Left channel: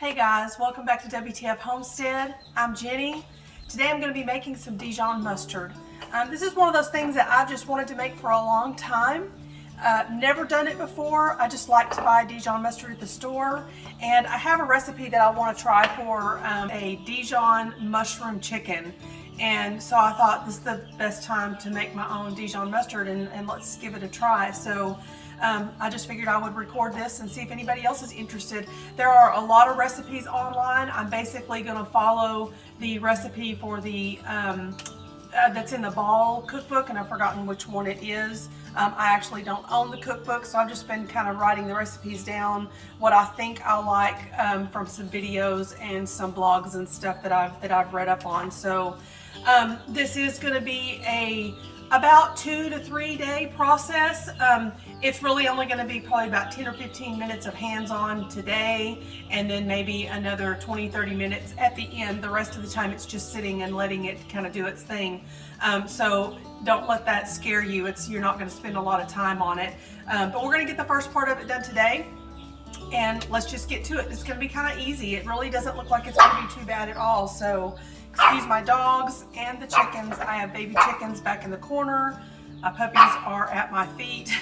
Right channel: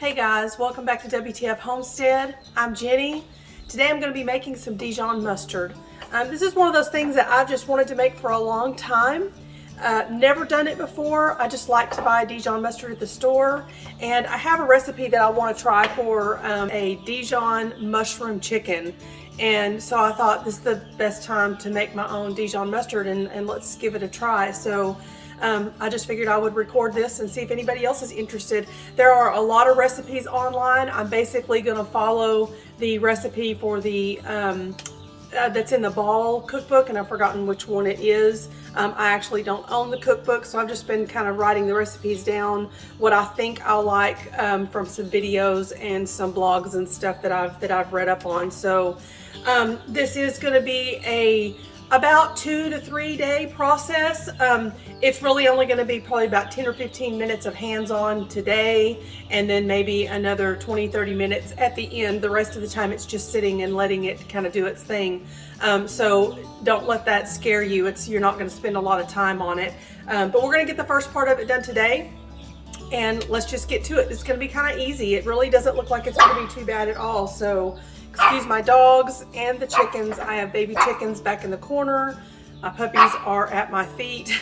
Hey guys, welcome back to WTF Homestead. I'm Jenny. Today I'm going to be making some Dijon mustard. This is one of those things that I've just wanted to make for a long time. Never done it before. I just like to buy Dijon mustard at the store, and I have a recipe that I want to try for a Dijon mushroom chicken. And so I thought this is the best time to make my own Dijon mustard, and let's give it a try. So I just figured I would record this and see if anybody else is interested. There are a lot of recipes online. I'm basically going to follow the recipe for the that's in the Ball cookbook, and I've forgotten which one it is. I actually don't own the cookbook, so I've just been kind of writing the recipes down, what I think I'll like from some videos and some blogs and stuff that I've read up on. So this is going to be about 2 to 3 day process. It's really only going to be probably about 10 or 15 minutes of hands-on today, and then maybe another 20-30 minutes at the end. The rest of the time it's just sitting and letting it kind of do its thing. So don't let that scare you. You're not going to spend a lot of time on it, but we're going to get the first part of it done today, and let's just get to it. It's going to be kind of easy. It really doesn't look like it's going to be too bad at all. So excuse my dogs and the chickens. I have baby chickens back in the corner. My puppies are at my feet.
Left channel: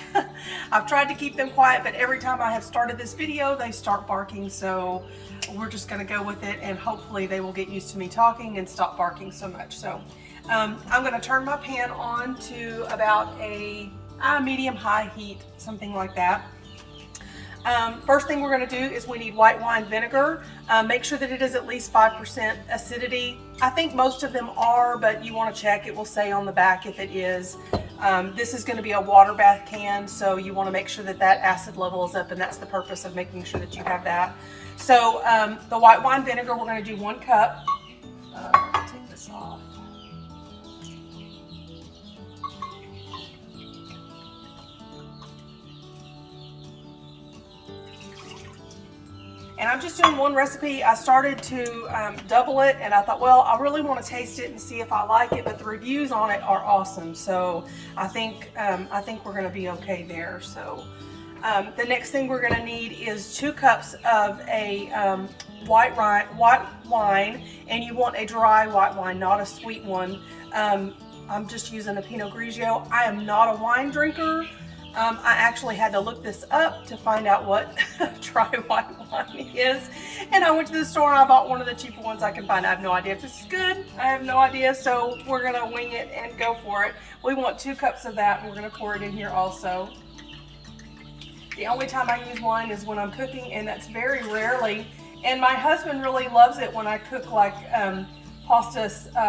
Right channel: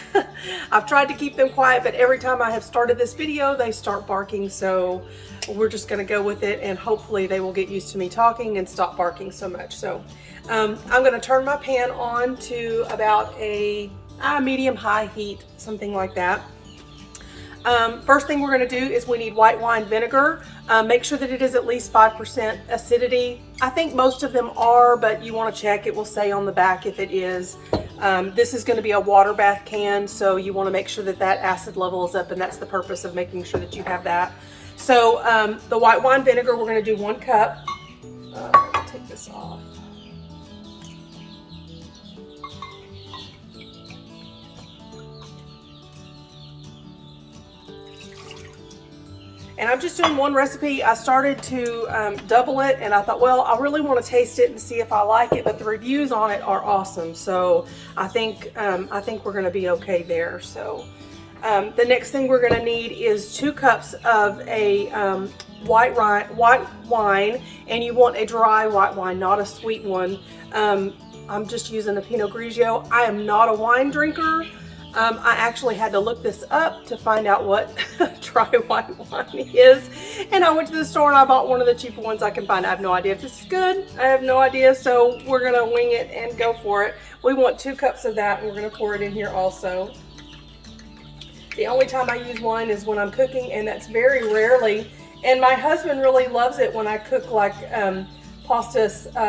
I've tried to keep them quiet, but every time I have started this video, they start barking. So we're just gonna go with it, and hopefully they will get used to me talking and stop barking so much. So I'm gonna turn my pan on to about a medium-high heat, something like that. First thing we're going to do is we need white wine vinegar. Make sure that it is at least 5% acidity. I think most of them are, but you want to check. It will say on the back if it is. This is going to be a water bath can, so you want to make sure that that acid level is up, and that's the purpose of making sure that you have that. So the white wine vinegar, we're going to do 1 cup. Take this off. And I'm just doing one recipe. I started to double it, and I thought, well, I really want to taste it and see if I like it, but the reviews on it are awesome. So I think we're going to be okay there. So the next thing we're going to need is 2 cups of a white wine, and you want a dry white wine, not a sweet one. I'm just using a Pinot Grigio. I am not a wine drinker. I actually had to look this up to find out what dry white wine is, and I went to the store and I bought one of the cheaper ones I can find. I have no idea if this is good. I have no idea, so we're gonna wing it and go for it. We want 2 cups of that, and we're gonna pour it in here also. The only time I use wine is when I'm cooking, and that's very rarely. And my husband really loves it when I cook like pasta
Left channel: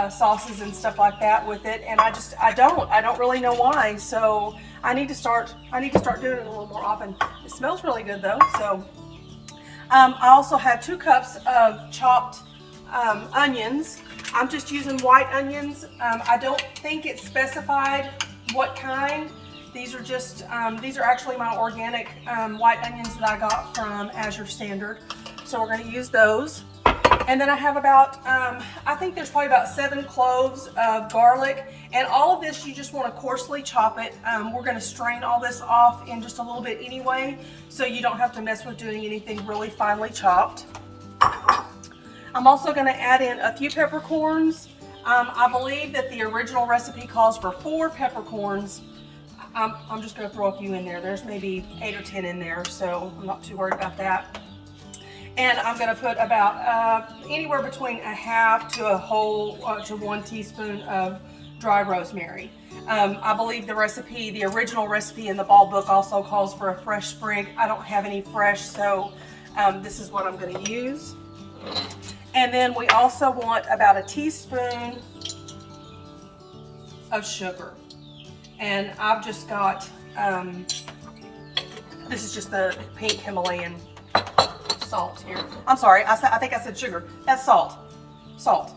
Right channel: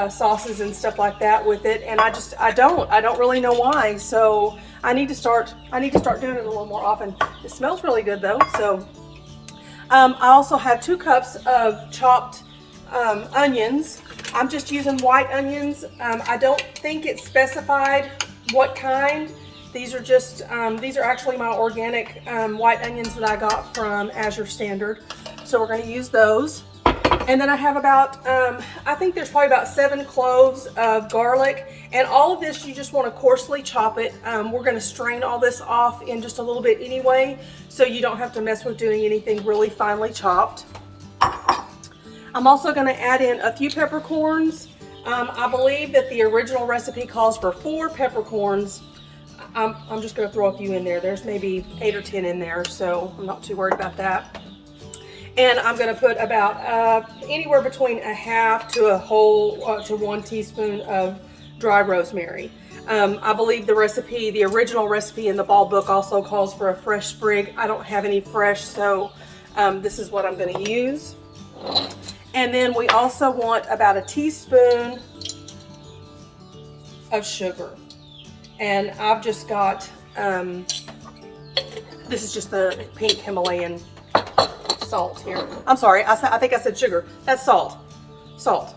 sauces and stuff like that with it, and I don't really know why. So I need to start doing it a little more often. It smells really good though. So I also have 2 cups of chopped onions. I'm just using white onions. I don't think it's specified what kind. These are just these are actually my organic white onions that I got from Azure Standard. So we're going to use those. And then I have about, I think there's probably about 7 cloves of garlic. And all of this, you just want to coarsely chop it. We're going to strain all this off in just a little bit anyway, so you don't have to mess with doing anything really finely chopped. I'm also going to add in a few peppercorns. I believe that the original recipe calls for 4 peppercorns. I'm just going to throw a few in there. There's maybe 8 or 10 in there, so I'm not too worried about that. And I'm going to put about anywhere between a half to a whole to 1 teaspoon of dry rosemary. I believe the original recipe in the Ball book also calls for a fresh sprig. I don't have any fresh, so this is what I'm going to use. And then we also want about a teaspoon of sugar. And I've just got, this is just the pink Himalayan salt here. I'm sorry, I think I said sugar. That's salt. Salt.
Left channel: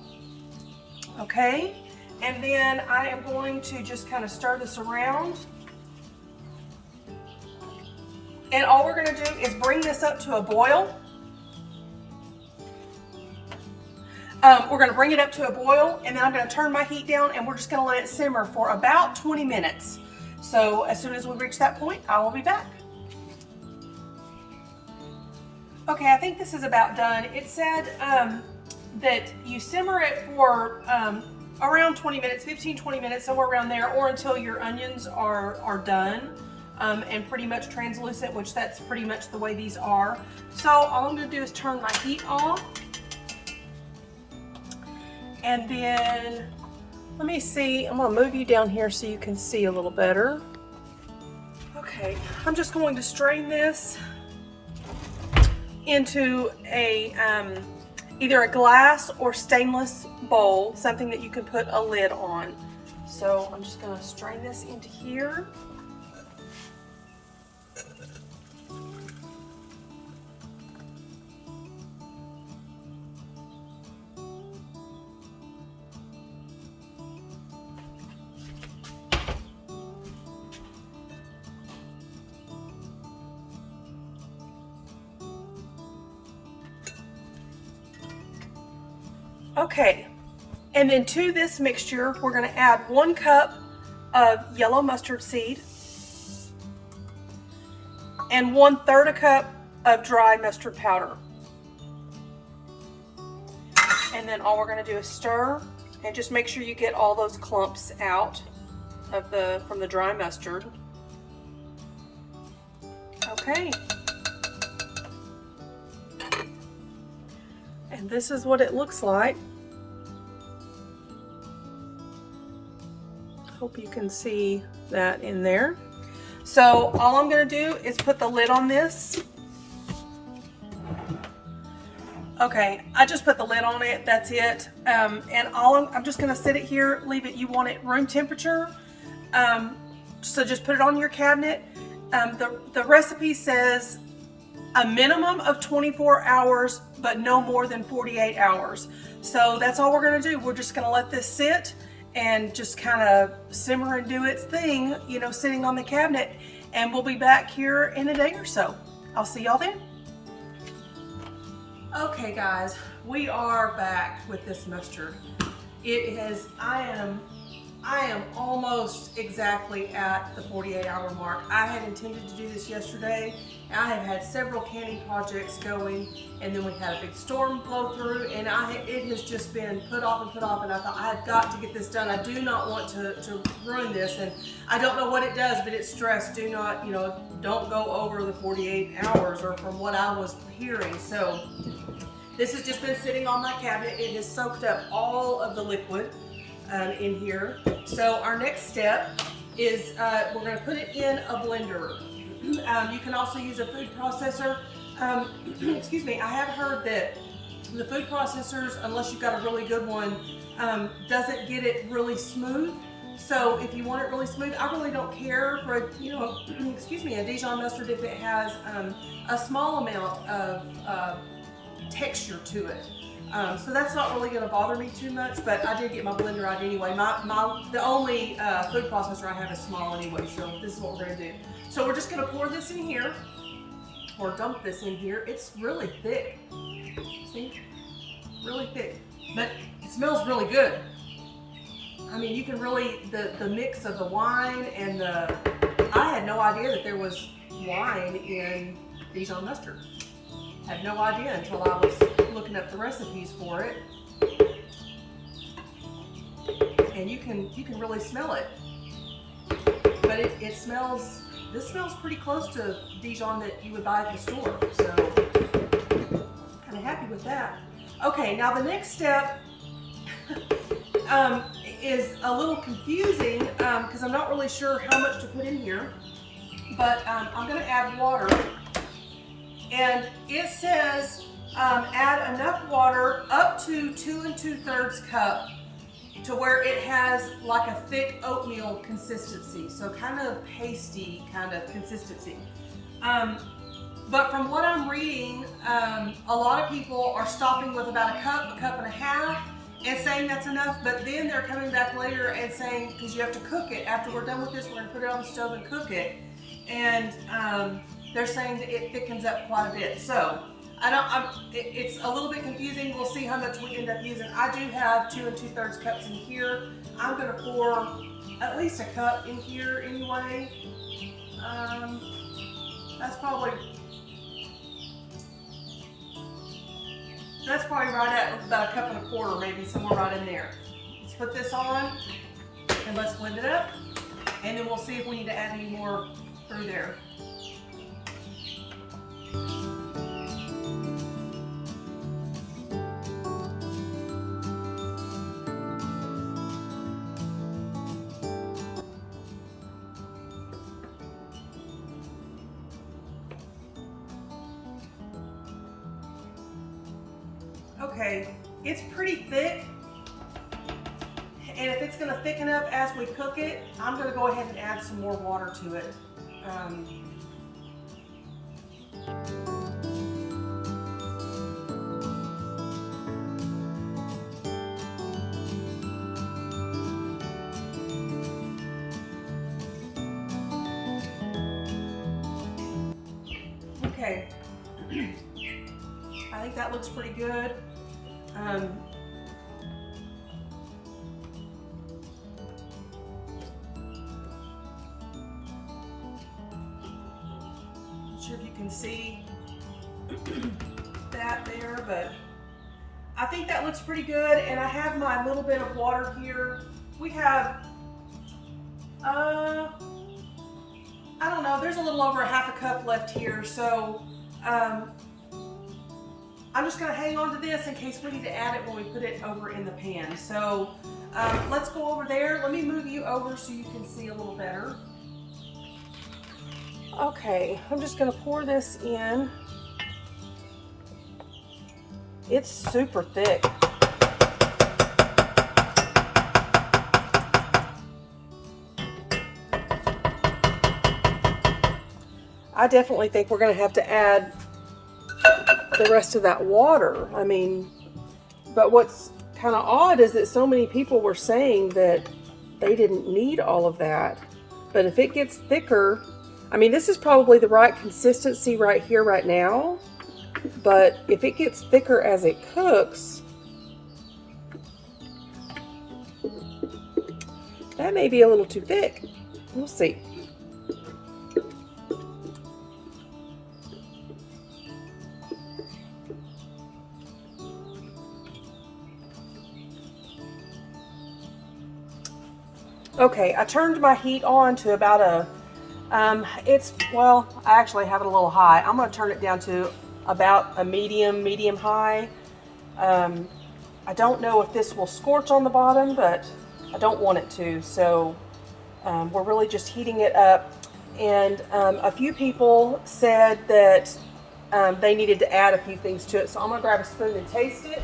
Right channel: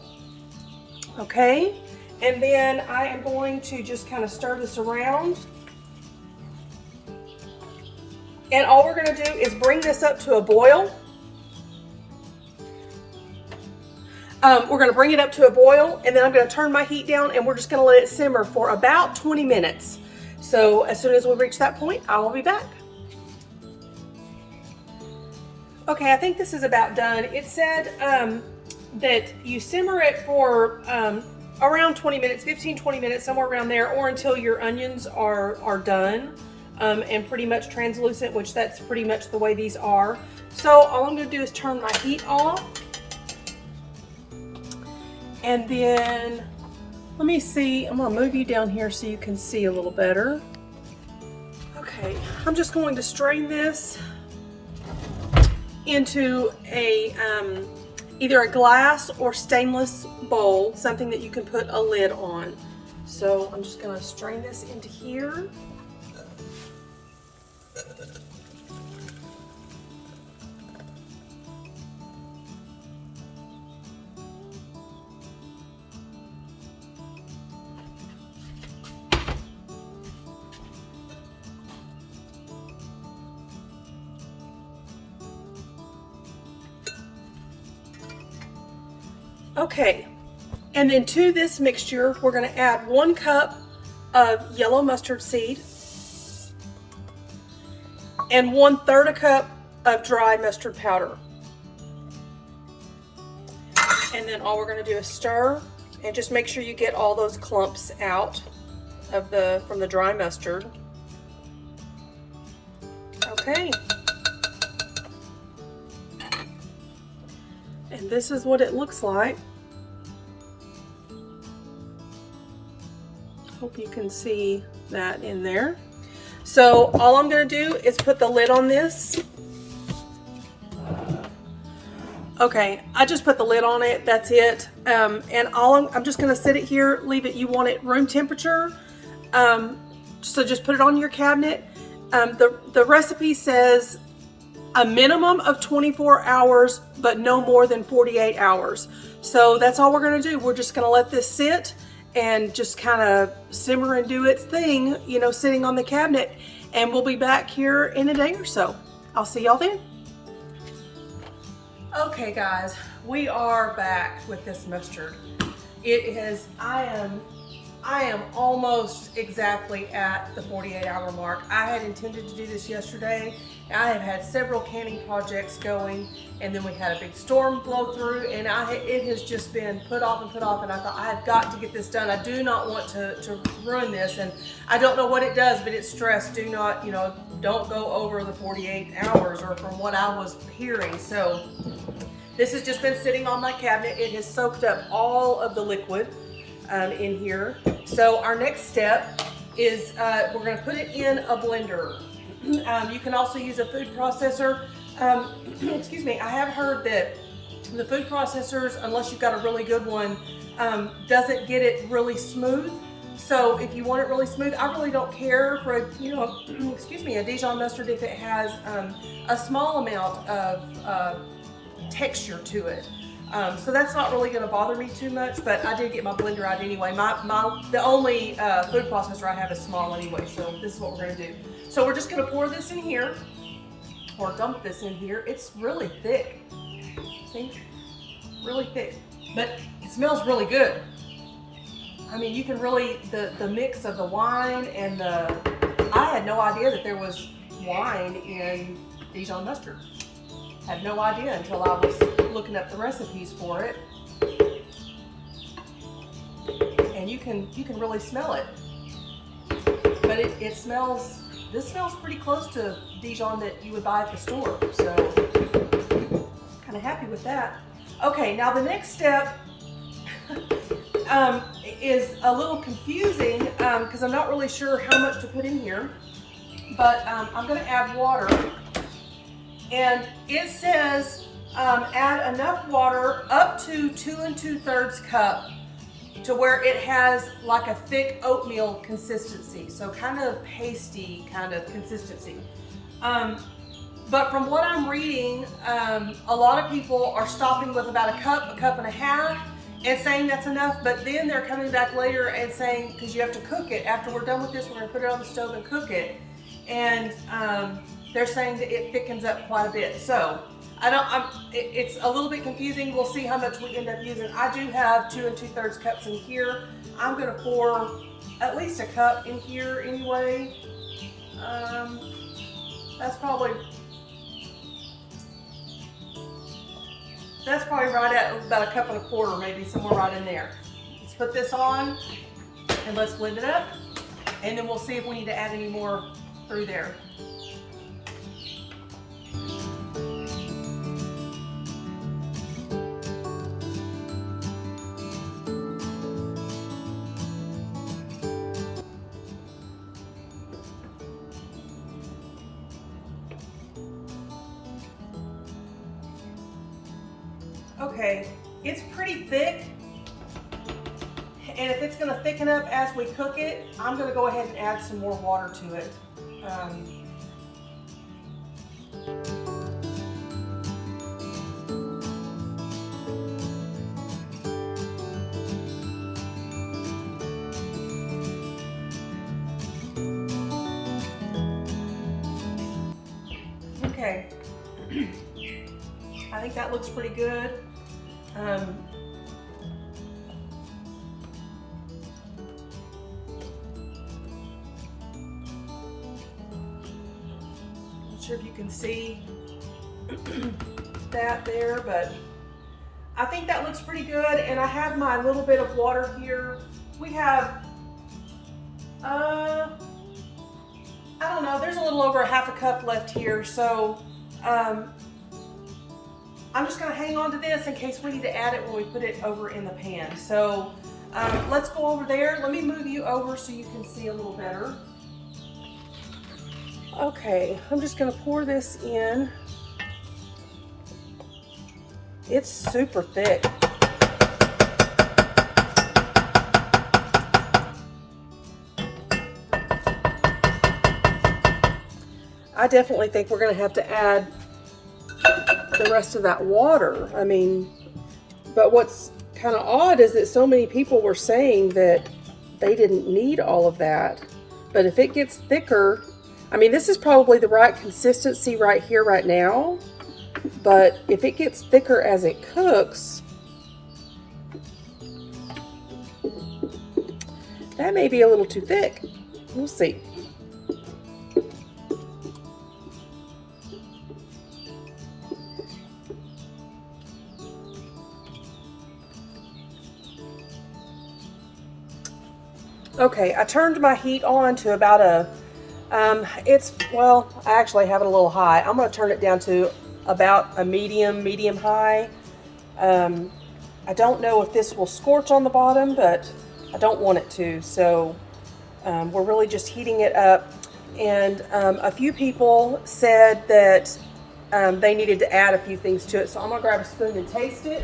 Okay, and then I am going to just kind of stir this around. And all we're going to do is bring this up to a boil. We're going to bring it up to a boil, and then I'm going to turn my heat down, and we're just going to let it simmer for about 20 minutes. So as soon as we reach that point, I will be back. Okay, I think this is about done. It said that you simmer it for around 20 minutes, 15-20 minutes, somewhere around there, or until your onions are done and pretty much translucent, which that's pretty much the way these are. So all I'm going to do is turn my heat off. And then, let me see, I'm going to move you down here so you can see a little better. Okay, I'm just going to strain this into a either a glass or stainless bowl, something that you can put a lid on. So I'm just going to strain this into here. Okay, and then to this mixture, we're going to add 1 cup of yellow mustard seed and 1/3 cup of dry mustard powder. And then all we're going to do is stir and just make sure you get all those clumps out of from the dry mustard. Okay. And this is what it looks like. Hope you can see that in there. So all I'm going to do is put the lid on this. Okay, I just put the lid on it. That's it. And I'm just going to sit it here, leave it. You want it room temperature. So just put it on your cabinet. The recipe says a minimum of 24 hours, but no more than 48 hours. So that's all we're going to do. We're just going to let this sit and just kind of simmer and do its thing, you know, sitting on the cabinet. And we'll be back here in a day or so. I'll see y'all then. Okay guys, we are back with this mustard. I am almost exactly at the 48-hour mark. I had intended to do this yesterday. I have had several canning projects going, and then we had a big storm blow through, and it has just been put off, and I thought, I have got to get this done. I do not want to ruin this, and I don't know what it does, but it's stress. Do not, you know, don't go over the 48 hours, or from what I was hearing. So this has just been sitting on my cabinet. It has soaked up all of the liquid in here. So our next step is we're going to put it in a blender. You can also use a food processor. Excuse me, I have heard that the food processors, unless you've got a really good one, doesn't get it really smooth. So if you want it really smooth, I really don't care for a, you know, excuse me, a Dijon mustard if it has a small amount of texture to it. So that's not really going to bother me too much, but I did get my blender out anyway. The only food processor I have is small anyway, so this is what we're going to do. So we're just going to pour this in here, or dump this in here. It's really thick. See? Really thick. But it smells really good. I mean, you can really, the mix of the wine and I had no idea that there was wine in Dijon mustard. Had no idea until I was looking up the recipes for it. And you can really smell it. But it smells, this smells pretty close to Dijon that you would buy at the store. So kind of happy with that. Okay, now the next step is a little confusing because I'm not really sure how much to put in here. But I'm going to add water. And it says add enough water up to 2 2/3 cup to where it has like a thick oatmeal consistency. So kind of pasty kind of consistency. But from what I'm reading, a lot of people are stopping with about a cup and a half, and saying that's enough, but then they're coming back later and saying, because you have to cook it, after we're done with this, we're going to put it on the stove and cook it. And they're saying that it thickens up quite a bit. So it's a little bit confusing. We'll see how much we end up using. I do have 2 2/3 cups in here. I'm going to pour at least a cup in here anyway. That's probably That's probably right at about 1.25 cups, maybe somewhere right in there. Let's put this on and let's blend it up, and then we'll see if we need to add any more through there. Okay, it's pretty thick, and if it's going to thicken up as we cook it, I'm going to go ahead and add some more water to it. Okay, I think that looks pretty good. Not sure if you can see that there, but I think that looks pretty good. And I have my little bit of water here. We have, I don't know, there's a little over 1/2 cup left here. So I'm just going to hang on to this in case we need to add it when we put it over in the pan. So let's go over there. Let me move you over so you can see a little better. Okay, I'm just going to pour this in. It's super thick. I definitely think we're going to have to add the rest of that water. I mean, but what's kind of odd is that so many people were saying that they didn't need all of that. But if it gets thicker, I mean, this is probably the right consistency right here, right now. But if it gets thicker as it cooks, that may be a little too thick. We'll see. Okay, I turned my heat on to about a, well, I actually have it a little high. I'm going to turn it down to about a medium high. I don't know if this will scorch on the bottom, but I don't want it to. So we're really just heating it up. And a few people said that they needed to add a few things to it. So I'm going to grab a spoon and taste it.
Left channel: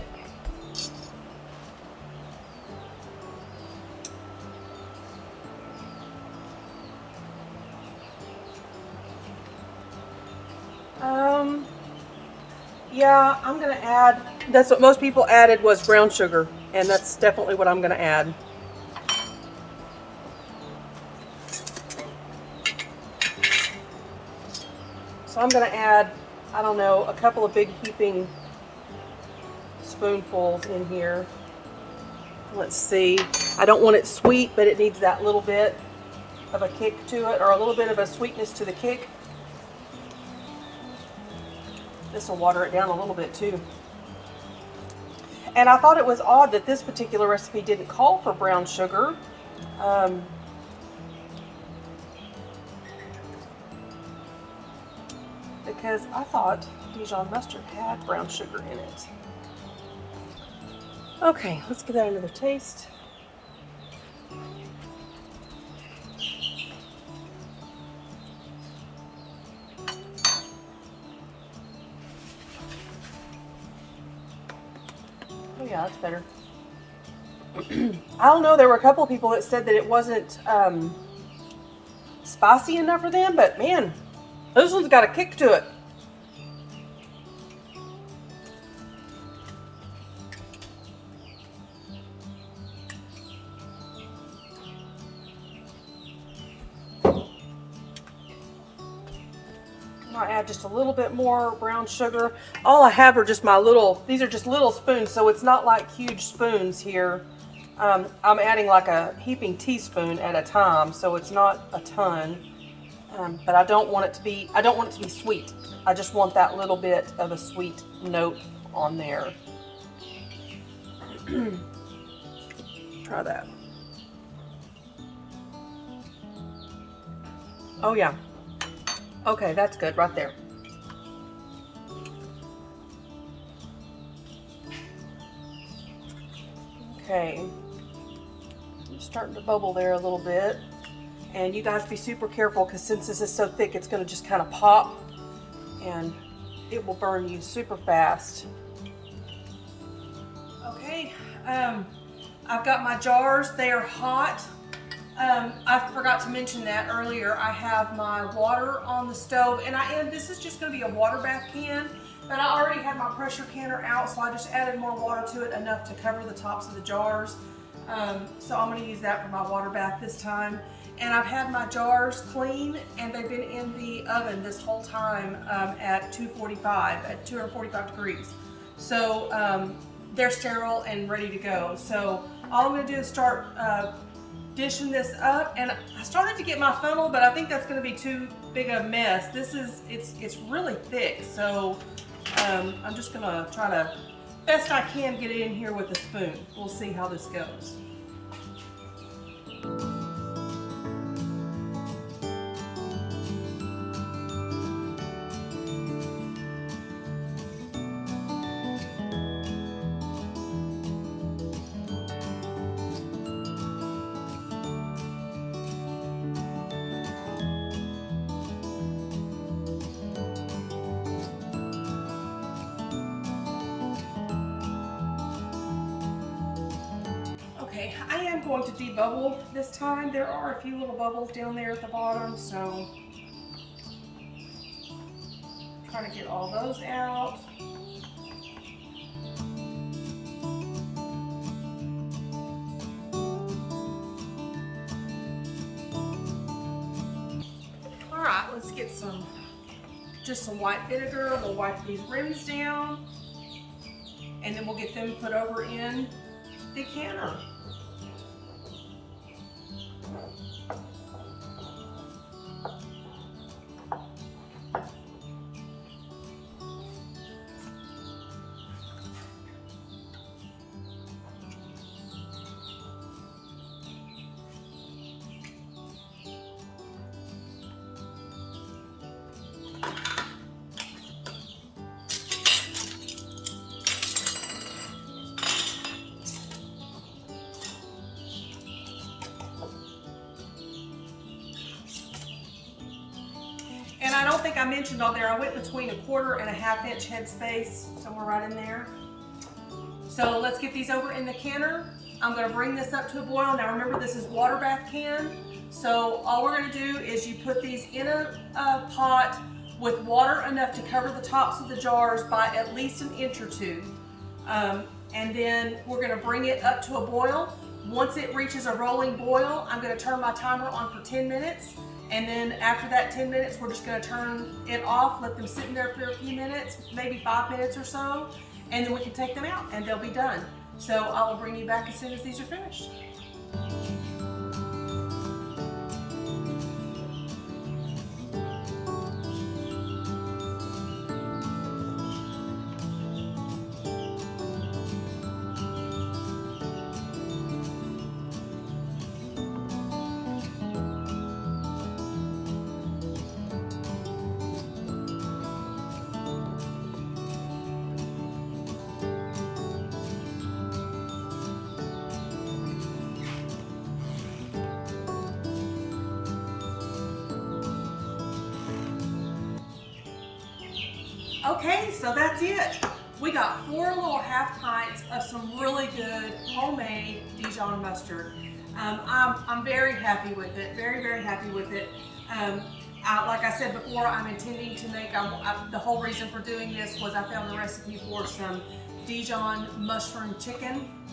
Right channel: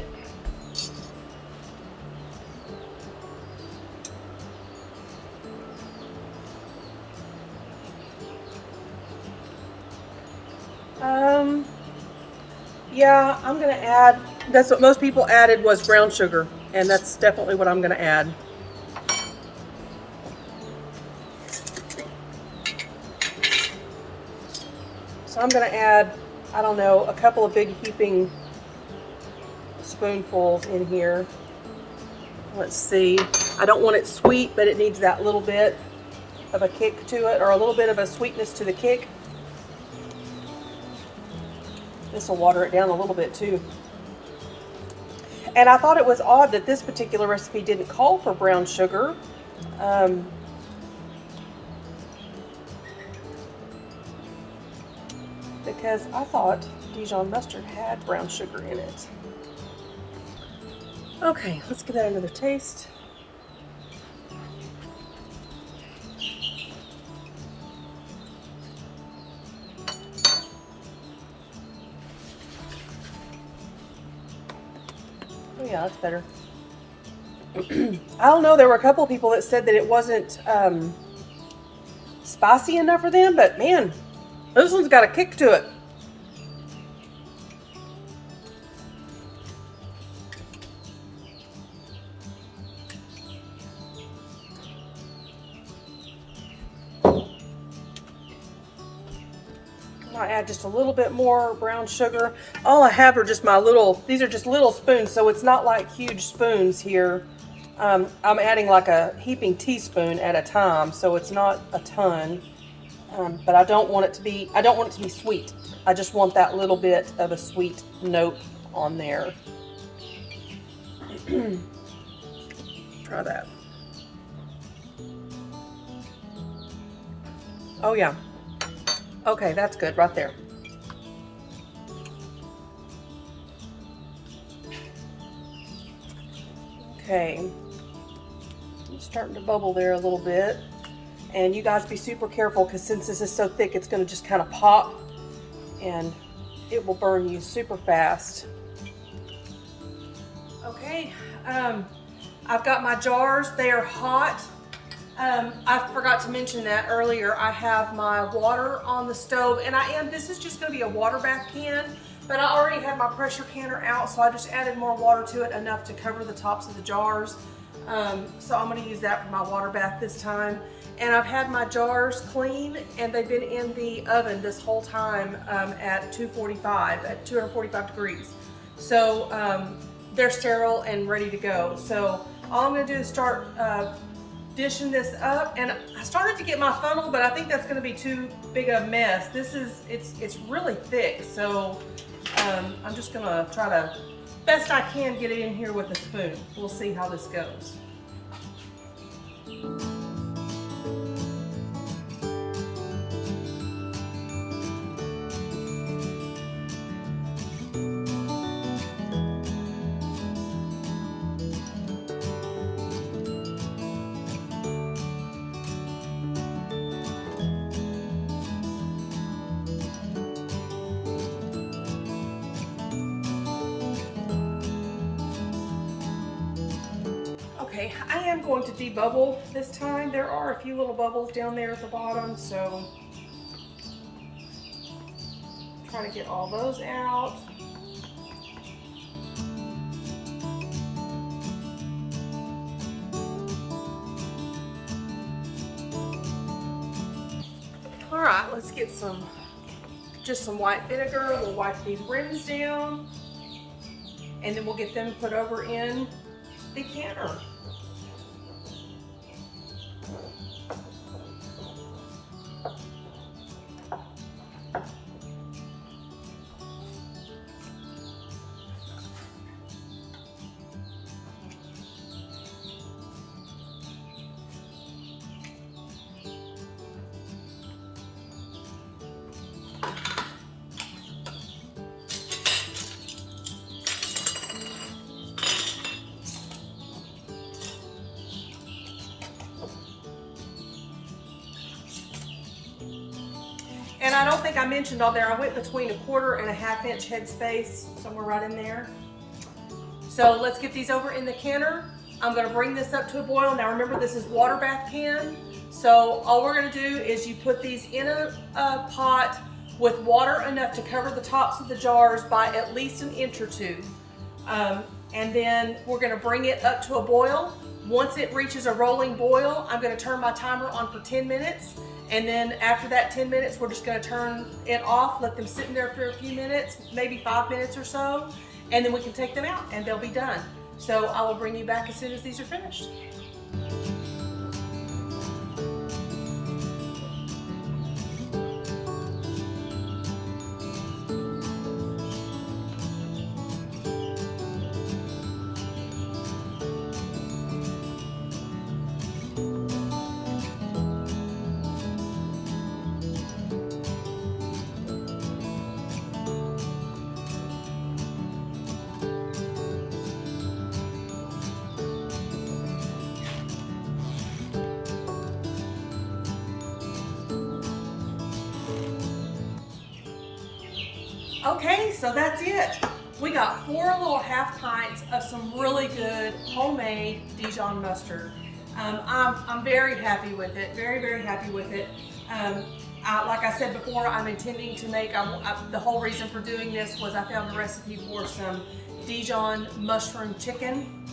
Yeah, I'm gonna add, that's what most people added, was brown sugar, and that's definitely what I'm gonna add. So I'm gonna add, I don't know, a couple of big heaping spoonfuls in here. Let's see, I don't want it sweet, but it needs that little bit of a kick to it, or a little bit of a sweetness to the kick. This will water it down a little bit too. And I thought it was odd that this particular recipe didn't call for brown sugar. Because I thought Dijon mustard had brown sugar in it. Okay, let's give that another taste. Oh yeah, that's better. I don't know, there were a couple of people that said that it wasn't spicy enough for them, but man, this one's got a kick to it. I add just a little bit more brown sugar. All I have are just my little, these are just little spoons, so it's not like huge spoons here. I'm adding like a heaping teaspoon at a time, so it's not a ton. But I don't want it to be, sweet. I just want that little bit of a sweet note on there. Try that. Oh yeah. Okay, that's good right there. Okay. It's starting to bubble there a little bit. And you guys be super careful because since this is so thick, it's going to just kind of pop and it will burn you super fast. Okay, I've got my jars. They are hot. I forgot to mention that earlier. I have my water on the stove, and this is just going to be a water bath can, but I already have my pressure canner out, so I just added more water to it, enough to cover the tops of the jars. So I'm going to use that for my water bath this time. And I've had my jars clean, and they've been in the oven this whole time at 245 degrees. So they're sterile and ready to go. So all I'm going to do is start dishing this up. And I started to get my funnel, but I think that's going to be too big a mess. It's really thick, so I'm just going to try to, best I can, get it in here with a spoon. We'll see how this goes. Okay, I am going to debubble this time. There are a few little bubbles down there at the bottom, so try to get all those out. All right, let's get just some white vinegar. We'll wipe these rims down, and then we'll get them put over in the canner. And I don't think I mentioned on there, I went between 1/4 and 1/2 inch headspace, somewhere right in there. So let's get these over in the canner. I'm gonna bring this up to a boil. Now remember, this is water bath can. So all we're gonna do is you put these in a pot with water enough to cover the tops of the jars by at least 1 inch or 2. And then we're gonna bring it up to a boil. Once it reaches a rolling boil, I'm gonna turn my timer on for 10 minutes. And then after that 10 minutes, we're just gonna turn it off, let them sit in there for a few minutes, maybe 5 minutes or so, and then we can take them out and they'll be done. So I will bring you back as soon as these are finished. Okay, so that's it. We got 4 little 1/2 pints of some really good homemade Dijon mustard. I'm very happy with it, very happy with it. Like I said before, I'm intending to make, the whole reason for doing this was I found a recipe for some Dijon mushroom chicken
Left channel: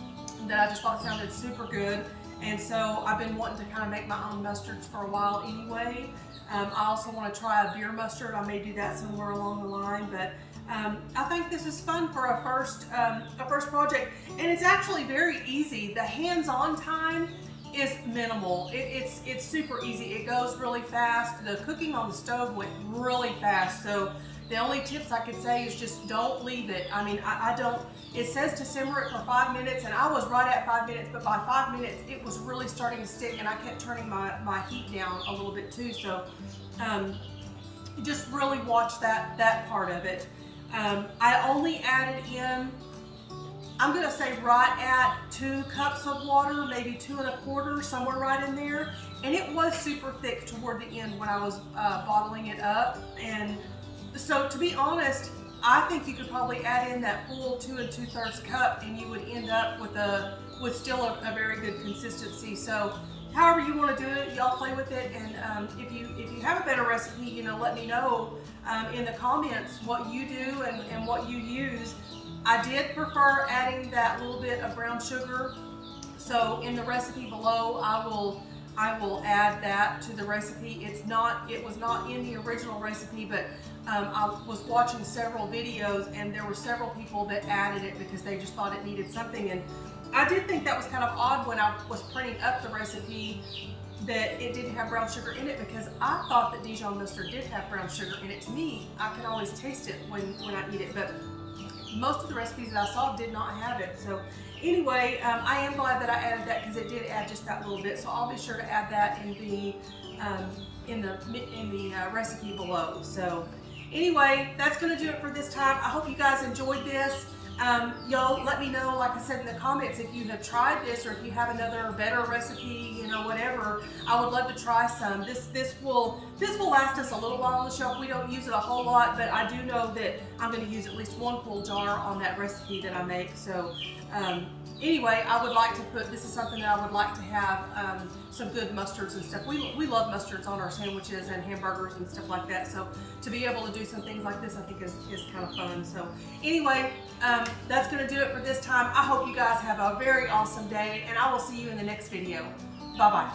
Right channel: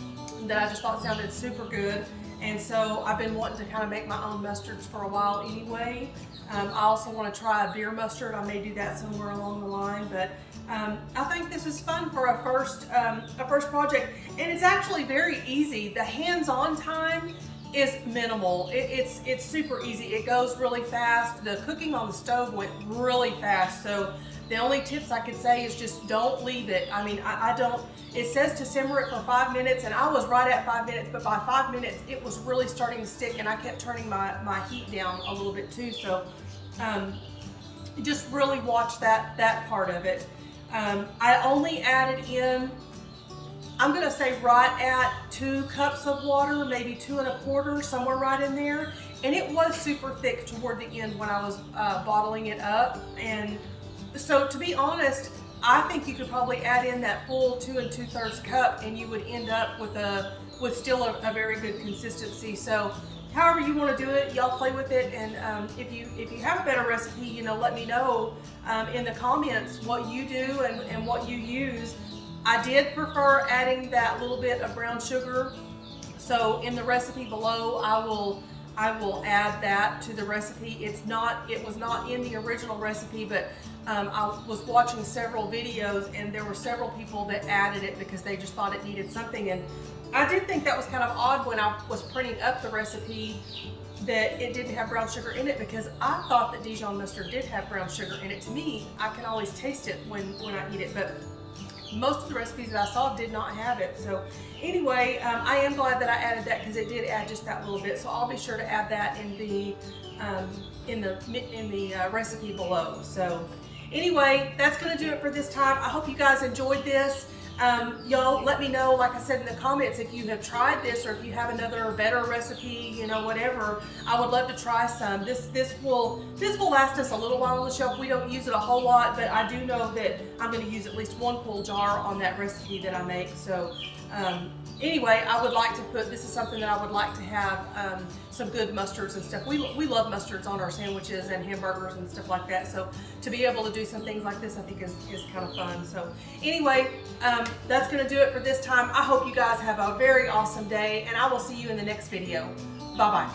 that I just thought sounded super good. And so I've been wanting to kind of make my own mustards for a while anyway. I also want to try a beer mustard. I may do that somewhere along the line, but I think this is fun for a first project. And it's actually very easy. The hands-on time is minimal. It's super easy. It goes really fast. The cooking on the stove went really fast. So the only tips I could say is just don't leave it. I mean, I don't, It says to simmer it for 5 minutes, and I was right at 5 minutes, but by 5 minutes it was really starting to stick, and I kept turning my heat down a little bit too. So just really watch that part of it. I only added in, I'm gonna say right at 2 cups of water, maybe 2 1/4, somewhere right in there. And it was super thick toward the end when I was bottling it up. And so to be honest, I think you could probably add in that full 2 2/3 cup and you would end up with still a very good consistency. So however you want to do it, y'all play with it. And if you have a better recipe, you know, let me know in the comments what you do and what you use. I did prefer adding that little bit of brown sugar. So in the recipe below, I will add that to the recipe. It was not in the original recipe, but I was watching several videos and there were several people that added it because they just thought it needed something. And I did think that was kind of odd when I was printing up the recipe that it didn't have brown sugar in it, because I thought that Dijon mustard did have brown sugar in it. To me, I can always taste it when I eat it, but most of the recipes that I saw did not have it. So anyway, I am glad that I added that because it did add just that little bit. So I'll be sure to add that in the recipe below. So anyway, that's gonna do it for this time. I hope you guys enjoyed this. Y'all let me know, like I said in the comments, if you have tried this or if you have another better recipe, you know, whatever. I would love to try some. This will last us a little while on the shelf. We don't use it a whole lot, but I do know that I'm going to use at least 1 full jar on that recipe that I make. So anyway, I would like to this is something that I would like to have some good mustards and stuff. We love mustards on our sandwiches and hamburgers and stuff like that. So to be able to do some things like this, I think is kind of fun. So anyway, that's going to do it for this time. I hope you guys have a very awesome day, and I will see you in the next video. Bye-bye.